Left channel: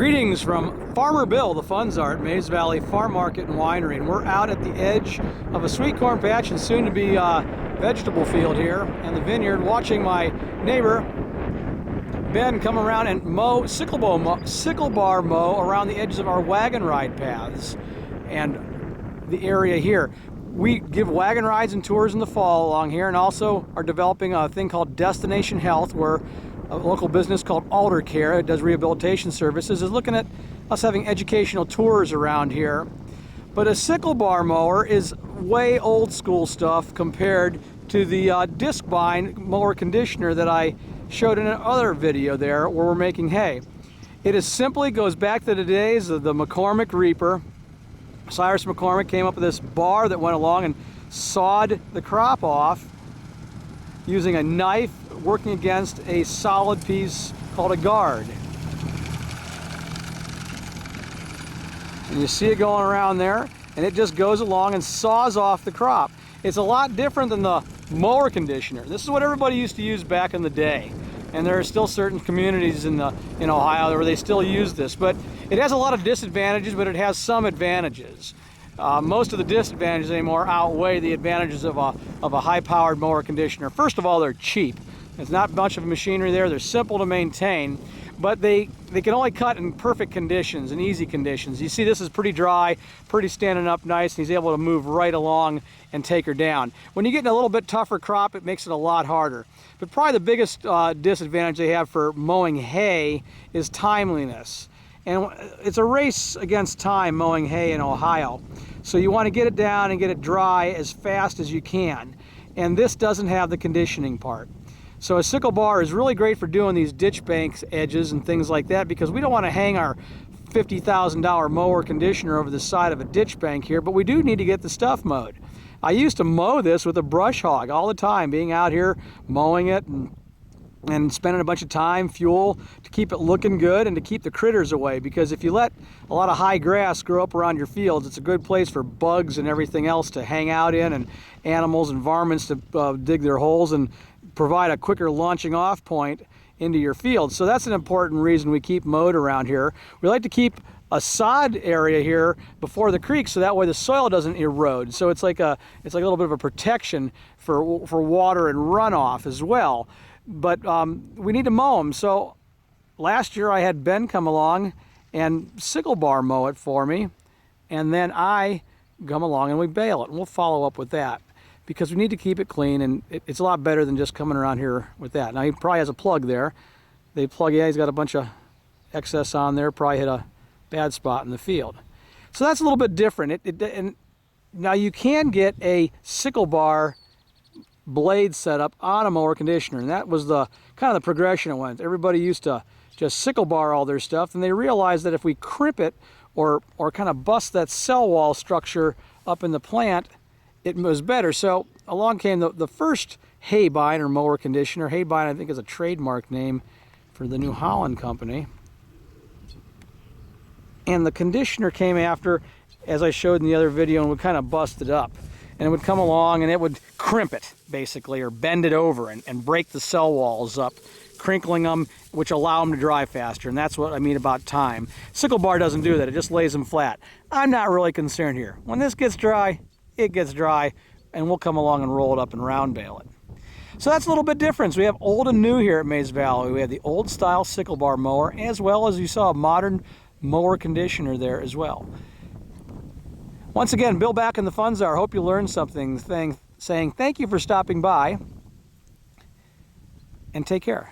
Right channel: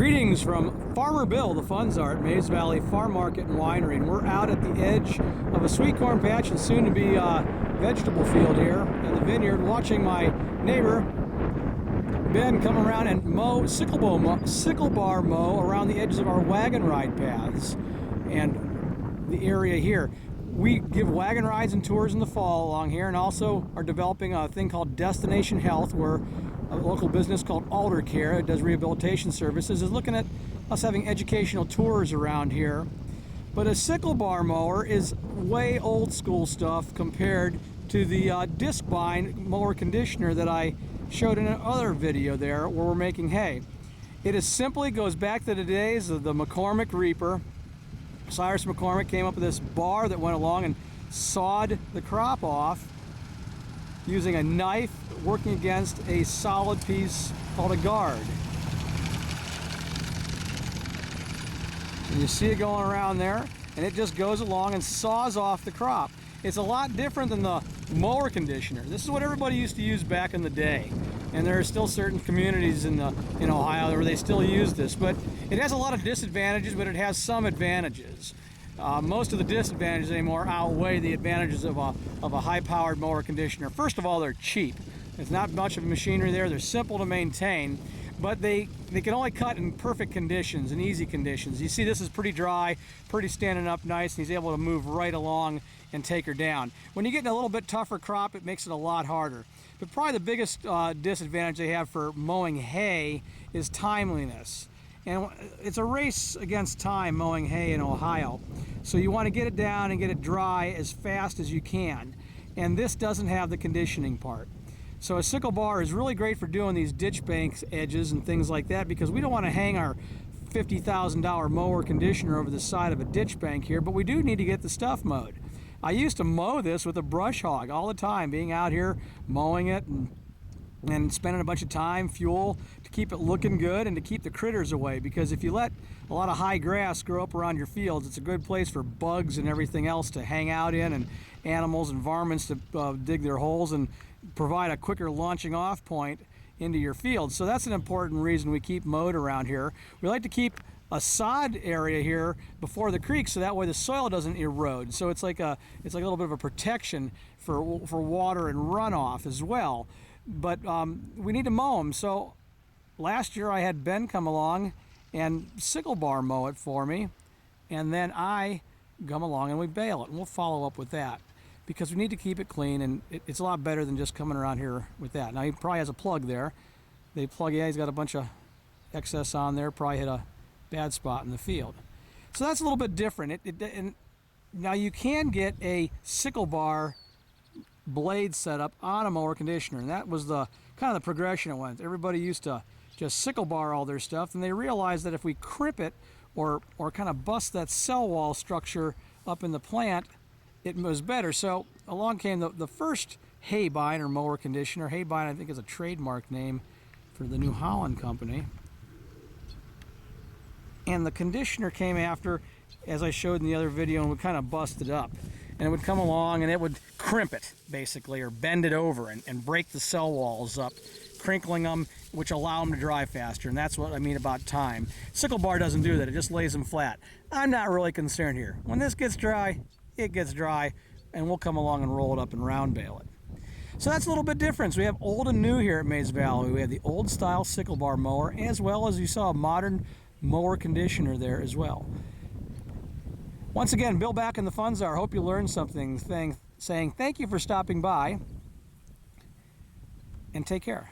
Greetings from Farmer Bill, the Funds Art, Mays Valley Farm Market and Winery, and we're out at the edge of a sweet corn patch and soon to be vegetable field here and the vineyard, watching my neighbor Ben come around and mow sickle bar mow around the edges of our wagon ride paths and the area here. We give wagon rides and tours in the fall along here, and also are developing a thing called Destination Health, where a local business called Alder Care, it does rehabilitation services, is looking at us having educational tours around here. But a sickle bar mower is way old school stuff compared to the disc bind mower conditioner that I showed in another video there where we're making hay. It is simply goes back to the days of the McCormick Reaper. Cyrus McCormick came up with this bar that went along and sawed the crop off using a knife working against a solid piece called a guard. And you see it going around there, and it just goes along and saws off the crop. It's a lot different than the mower conditioner. This is what everybody used to use back in the day. And there are still certain communities in Ohio where they still use this. But it has a lot of disadvantages, but it has some advantages. Most of the disadvantages anymore outweigh the advantages of a high-powered mower conditioner. First of all, they're cheap. There's not much of machinery there. They're simple to maintain, but they can only cut in perfect conditions and easy conditions. You see this is pretty dry, pretty standing up nice, and he's able to move right along and take her down. When you get in a little bit tougher crop, it makes it a lot harder. But probably the biggest disadvantage they have for mowing hay is timeliness. And it's a race against time mowing hay in Ohio. So you want to get it down and get it dry as fast as you can. And this doesn't have the conditioning part. So a sickle bar is really great for doing these ditch banks edges and things like that, because we don't want to hang our $50,000 mower conditioner over the side of a ditch bank here, but we do need to get the stuff mowed. I used to mow this with a brush hog all the time, being out here mowing it and spending a bunch of time, fuel, to keep it looking good and to keep the critters away, because if you let a lot of high grass grow up around your fields, it's a good place for bugs and everything else to hang out in, and animals and varmints to dig their holes and provide a quicker launching off point into your field. So that's an important reason we keep mowed around here. We like to keep a sod area here before the creek, so that way the soil doesn't erode. So it's like a little bit of a protection for water and runoff as well. But we need to mow them. So last year I had Ben come along and sickle bar mow it for me, and then I come along and we bale it, and we'll follow up with that, because we need to keep it clean, and it's a lot better than just coming around here with that. Now he probably has a plug there. They plug, yeah, he's got a bunch of excess on there, probably hit a bad spot in the field. So that's a little bit different. And now you can get a sickle bar blade setup on a mower conditioner, and that was the kind of the progression it went. Everybody used to just sickle bar all their stuff, and they realized that if we crimp it or kind of bust that cell wall structure up in the plant, it was better. So along came the first hay bind or mower conditioner. Hay bind, I think, is a trademark name for the New Holland company. And the conditioner came after, as I showed in the other video, and would kind of bust it up. And it would come along and it would crimp it, basically, or bend it over and break the cell walls up, crinkling them, which allow them to dry faster. And that's what I mean about time. Sickle bar doesn't do that. It just lays them flat. I'm not really concerned here. When this gets dry, it gets dry, and we'll come along and roll it up and round bale it. So that's a little bit different. We have old and new here at Mays Valley. We have the old style sickle bar mower, as well as you saw a modern mower conditioner there as well. Once again, Bill back in the Funds Art. Hope you learned something, saying thank you for stopping by, and take care.